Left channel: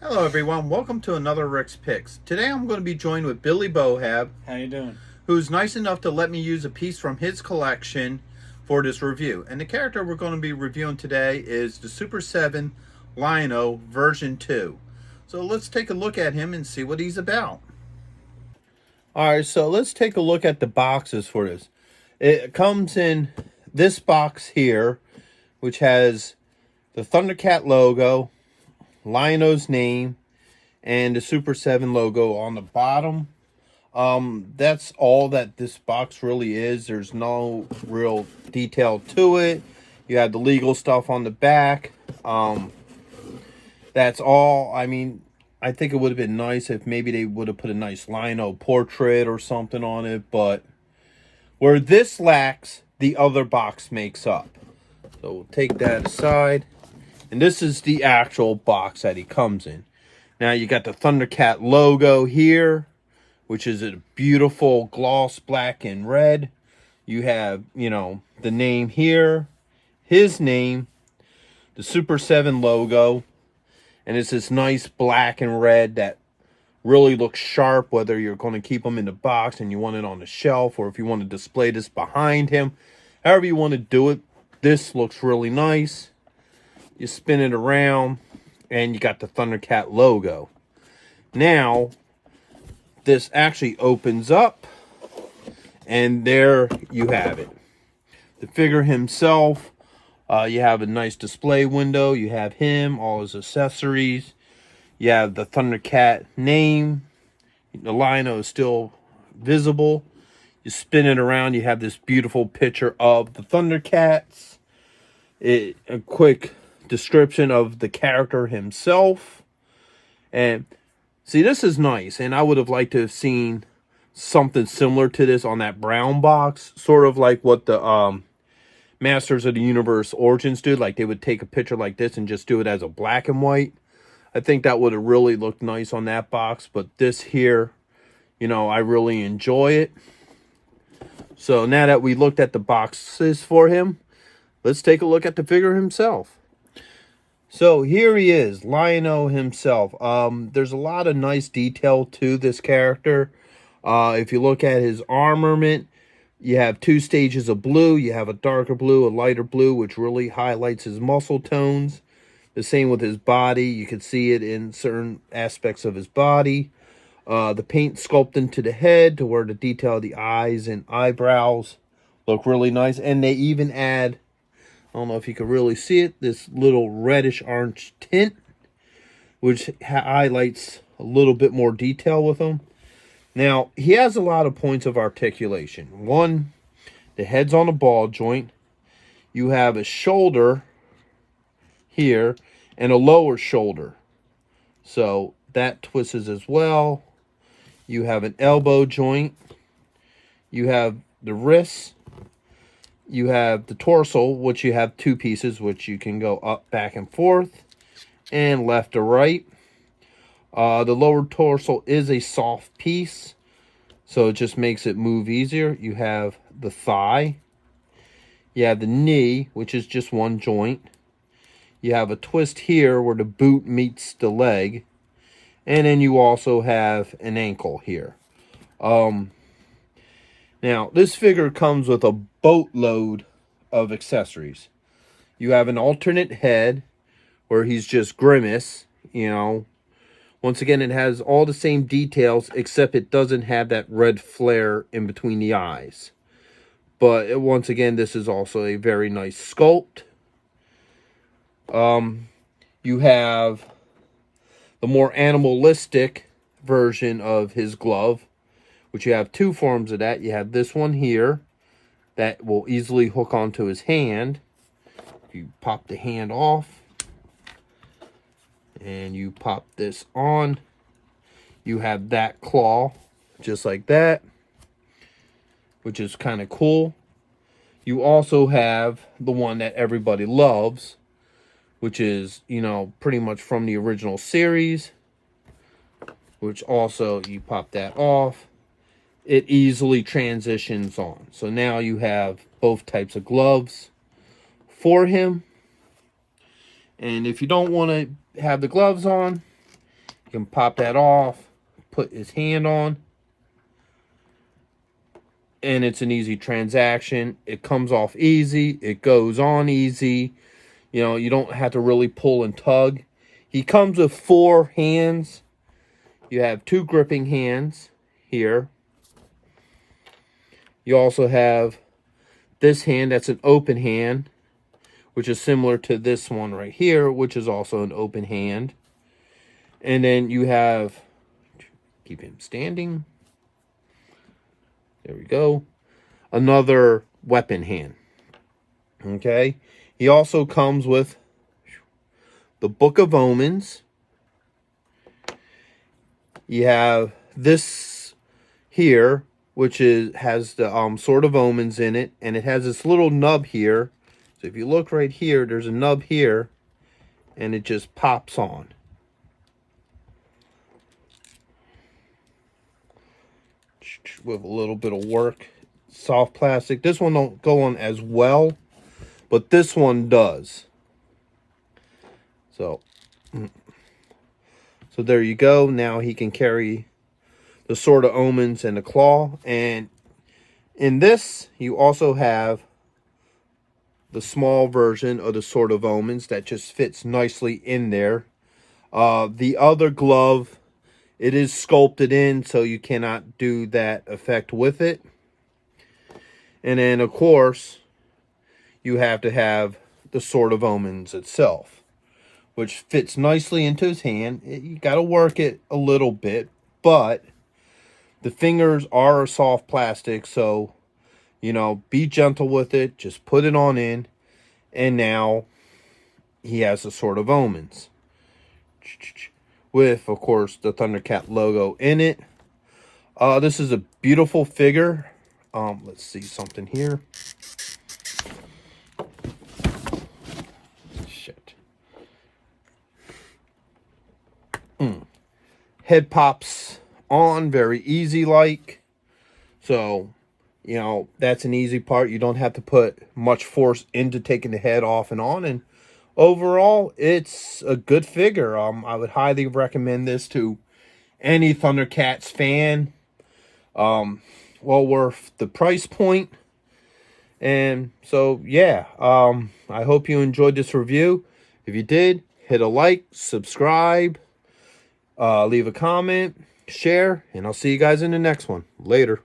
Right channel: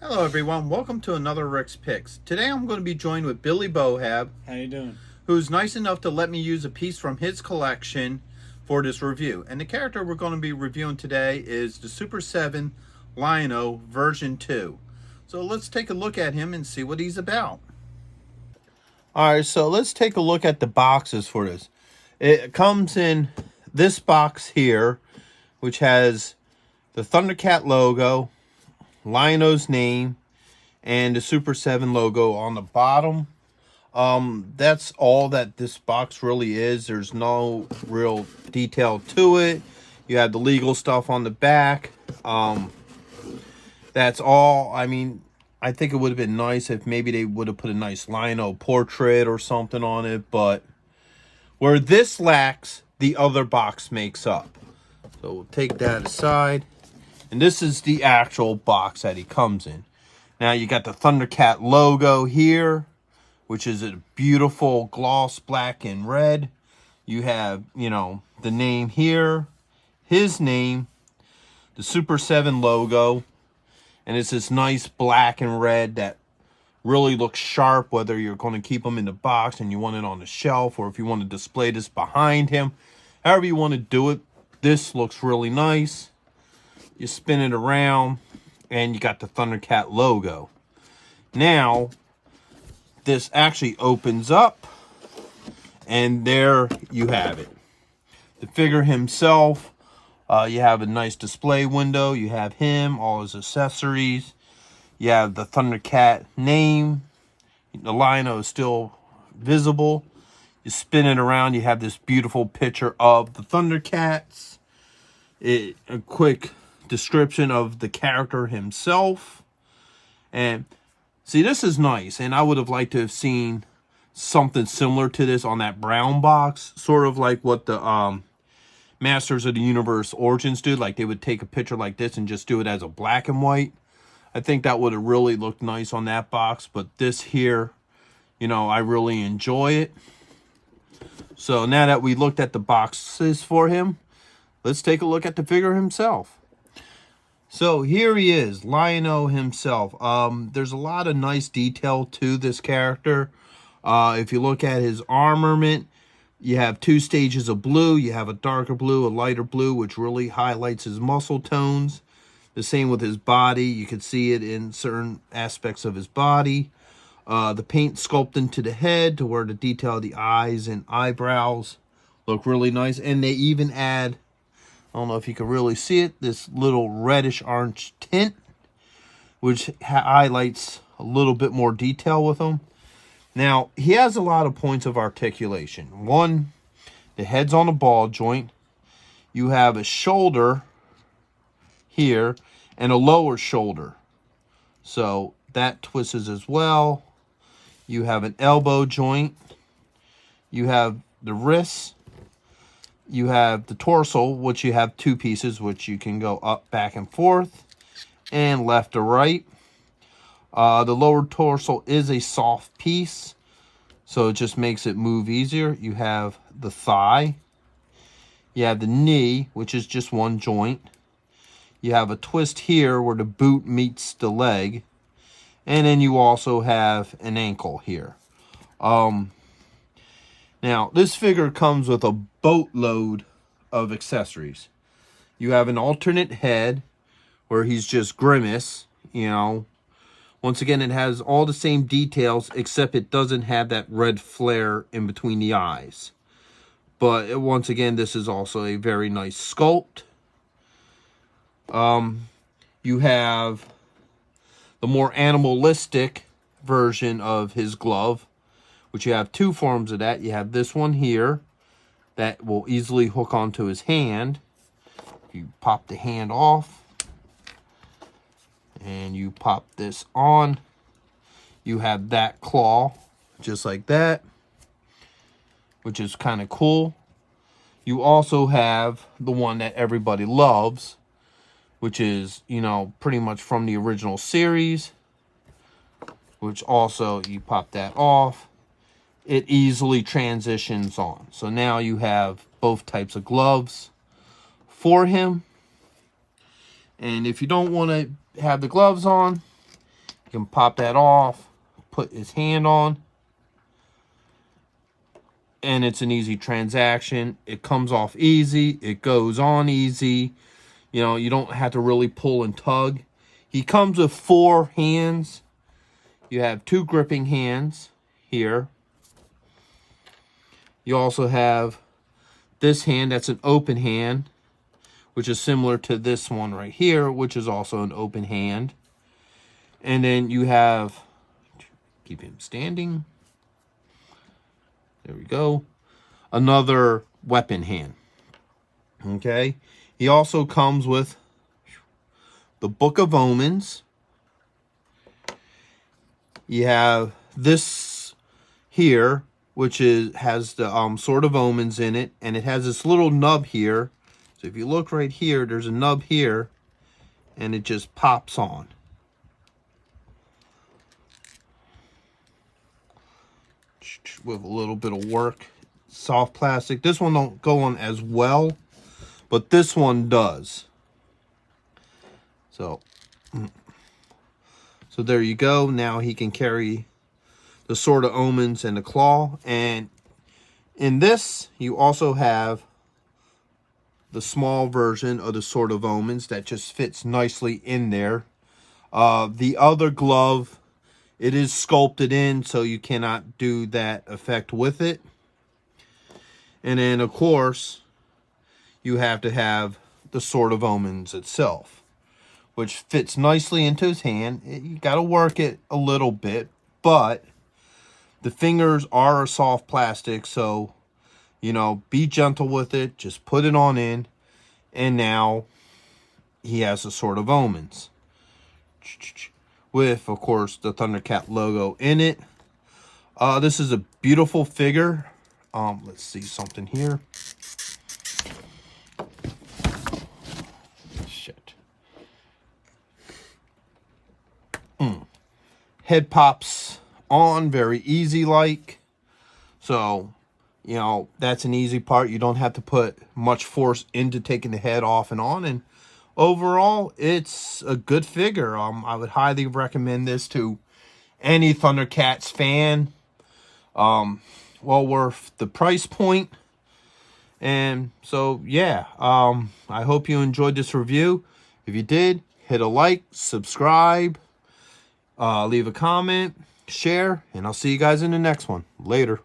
Hello everyone, welcome to another Rick's Picks. Today I'm going to be joined with Billy Bohab, How you doing? who's nice enough to let me use a piece from his collection for this review. And the character we're going to be reviewing today is the Super 7 Lion-O version 2. So let's take a look at him and see what he's about. Alright, so let's take a look at the boxes for this. It comes in this box here, which has the Thundercat logo, Lion-O's name, and the Super 7 logo on the bottom. That's all that this box really is. There's no real detail to it. You have the legal stuff on the back. That's all. I mean, I think it would have been nice if maybe they would have put a nice Lion-O portrait or something on it, but where this lacks, the other box makes up. So we'll take that aside. And this is the actual box that he comes in. Now you got the Thundercat logo here, which is a beautiful gloss black and red. You have, the name here, his name, the Super 7 logo, and it's this nice black and red that really looks sharp, whether you're going to keep them in the box and you want it on the shelf, or if you want to display this behind him. However you want to do it, this looks really nice. You spin it around, and you got the Thundercat logo. Now, this actually opens up, and there you have it. The figure himself, you have a nice display window. You have him, all his accessories. You have the Thundercat name. The Lion-O is still visible. You spin it around, you have this beautiful picture of the Thundercats. A quick description of the character himself. And see, this is nice, and I would have liked to have seen something similar to this on that brown box, sort of like what the Masters of the Universe Origins do. Like they would take a picture like this and just do it as a black and white. I think that would have really looked nice on that box, but this here, I really enjoy it. So now that we looked at the boxes for him, let's take a look at the figure himself. So here he is, Lion-O himself. There's a lot of nice detail to this character. If you look at his armament, you have two stages of blue. You have a darker blue, a lighter blue, which really highlights his muscle tones. The same with his body. You can see it in certain aspects of his body. The paint sculpting to the head to where the detail of the eyes and eyebrows look really nice. And they even add, I don't know if you can really see it, this little reddish orange tint, which highlights a little bit more detail with him. Now, he has a lot of points of articulation. One, the head's on a ball joint. You have a shoulder here and a lower shoulder. So that twists as well. You have an elbow joint. You have the wrists. You have the torso, which you have two pieces, which you can go up, back, and forth, and left or right. The lower torso is a soft piece, so it just makes it move easier. You have the thigh. You have the knee, which is just one joint. You have a twist here where the boot meets the leg. And then you also have an ankle here. Now, this figure comes with a boatload of accessories. You have an alternate head where he's just Grimace, Once again, it has all the same details, except it doesn't have that red flare in between the eyes. But once again, this is also a very nice sculpt. You have the more animalistic version of his glove, which you have two forms of that. You have this one here that will easily hook onto his hand. If you pop the hand off and you pop this on, you have that claw just like that, which is kind of cool. You also have the one that everybody loves, which is, pretty much from the original series, which also you pop that off. It easily transitions on. So now you have both types of gloves for him. And if you don't want to have the gloves on, You can pop that off, put his hand on, and it's an easy transaction. It comes off easy. It goes on easy. You know, you don't have to really pull and tug. He comes with 4 hands. You have 2 gripping hands here. You also have this hand that's an open hand, which is similar to this one right here, which is also an open hand. And then you have, keep him standing. There we go. Another weapon hand. Okay. He also comes with the Book of Omens. You have this here, which has the Sword of Omens in it, and it has this little nub here. So if you look right here, there's a nub here, and it just pops on. With a little bit of work. Soft plastic. This one don't go on as well, but this one does. So there you go. Now he can carry the Sword of Omens and the claw. And in this, you also have the small version of the Sword of Omens that just fits nicely in there. The other glove, it is sculpted in, so you cannot do that effect with it. And then, of course, you have to have the Sword of Omens itself, which fits nicely into his hand. You got to work it a little bit, but the fingers are a soft plastic, so, you know, be gentle with it. Just put it on in, and now he has the Sword of Omens. With, of course, the Thundercat logo in it. This is a beautiful figure. Let's see something here. Shit. Head pops on very easy like. So, you know, that's an easy part. You don't have to put much force into taking the head off and on. And overall, it's a good figure. I would highly recommend this to any Thundercats fan. Well worth the price point. And so, yeah, I hope you enjoyed this review. If you did, hit a like, subscribe, leave a comment, share, and I'll see you guys in the next one. Later.